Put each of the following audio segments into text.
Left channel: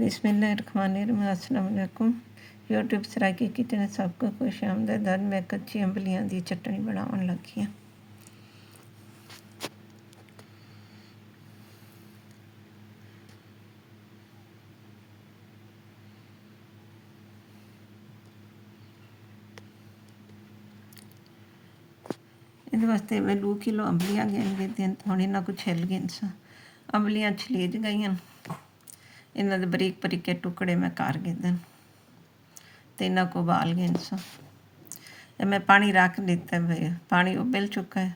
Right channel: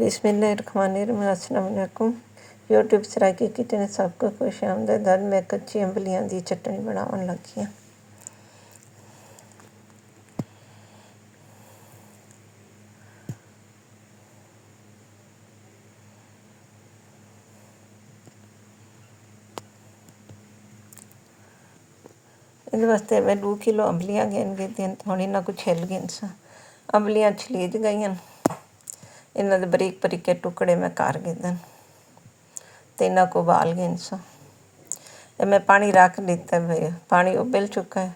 बिस्मिल्लाहिर्रहमानिर्रहीम। अस्सलाम वालेकुम। यूट्यूब सराइकी किचन सबको खुश आमदीद। आज मैं कच्ची अंबलियां दी चटनी बनावन लगी हाँ। इस वास्ते मैं 2 किलो अंबलियां घेन गिद्दियां। हुण इन्हां को छिल गईन सा। अंबलियां छलीज गईयां। इन्हां दे बरीक बरीक टुकड़े मैं कर गिद्दन ते इन्हां को उबाल गईन सा। मैं पानी रख दिता भाई, पानी उबल चुका है।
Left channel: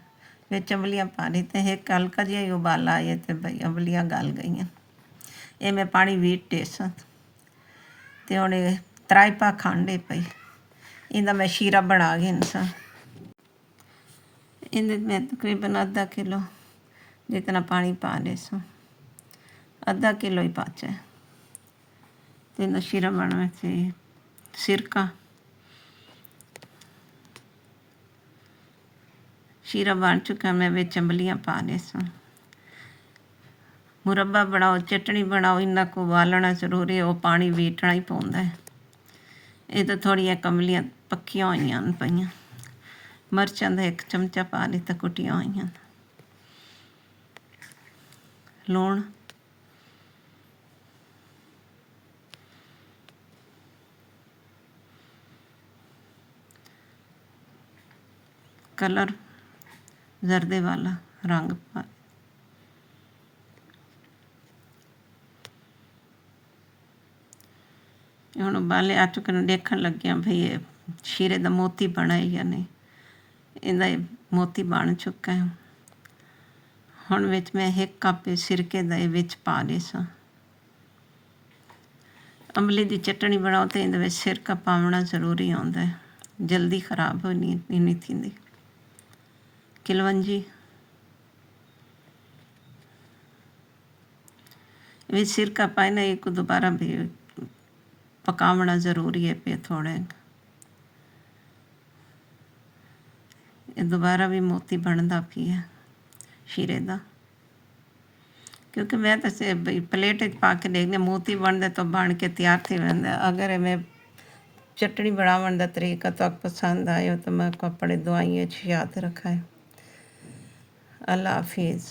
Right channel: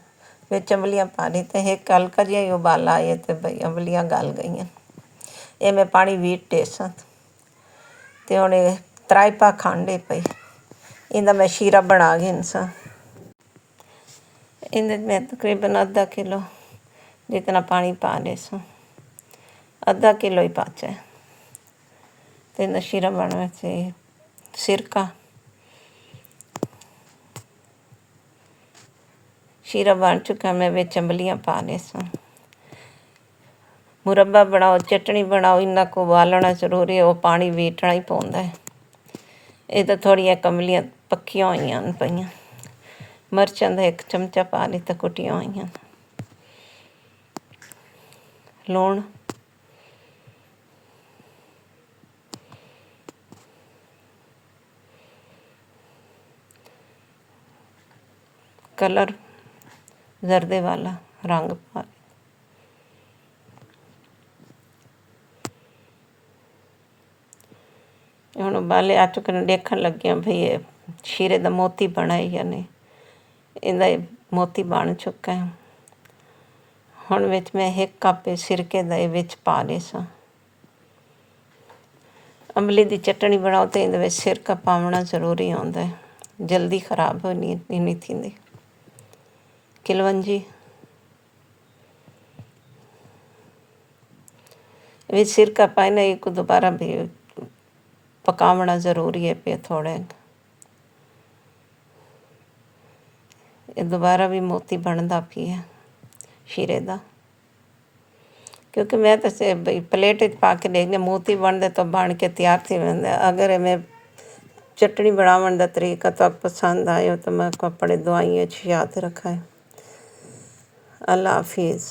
विच अंबलियां पा दी ते एक हल्का जिहा ही उबाला आया ते भाई अंबलियां गल गईयां। ये मैं पानी वीट टेसा ते हुण 3 पा खंड पई। इंदा मैं शीरा बना गई सा। इंदे मैं तकरीबन आधा किलो जितना पानी पा ले सो, आधा किलो ही पाचा है। तो इंदा शीरा बनवा से सिरका, शीरा बन चुका। मैं विच अंबलियां पा ले सो। मुरब्बा बनाओ, चटनी बनाओ, इन्ना को उबालना जरूरी है। वो पानी वीटना ही पौंदा है। ये तो थोड़ियां अंबलियां पक्कियां होईयां पईयां। मर्चां दा 1 चमचा पा लिता कुटियां होईयां। लूण, कलर जर्दे वाला रंग पा। हुण उबाले आ चुके ने। देखण लगियां भई ये शीरे दा मोती बना है या नहीं। इहदा मोती बन चुका है। हुण विच मैं 1 कप सिरके दा विच पा ले सा। अंबली दी चटनी बनाओ तो इहदे विच सिरका पावना जरूरी होंदा है। जल्दी खराब नहीं थींदी। किलवंजी विच सिरका पाए ना, एक दोबारा भी पकावना जरूरी है पे थोड़े। ये दोबारा भी मोती बनदा पिया शीरे दा, क्योंकि मैं तो से बई प्लेट पा के देखने मोती बनते तो बन के तैयार थी वेंदा। अगर मैं चटनी बनावन दा तरीका तो पसंद आयो तो मैं को अपने दुआइयां याद रखा है। अल्लाह हाफिज़।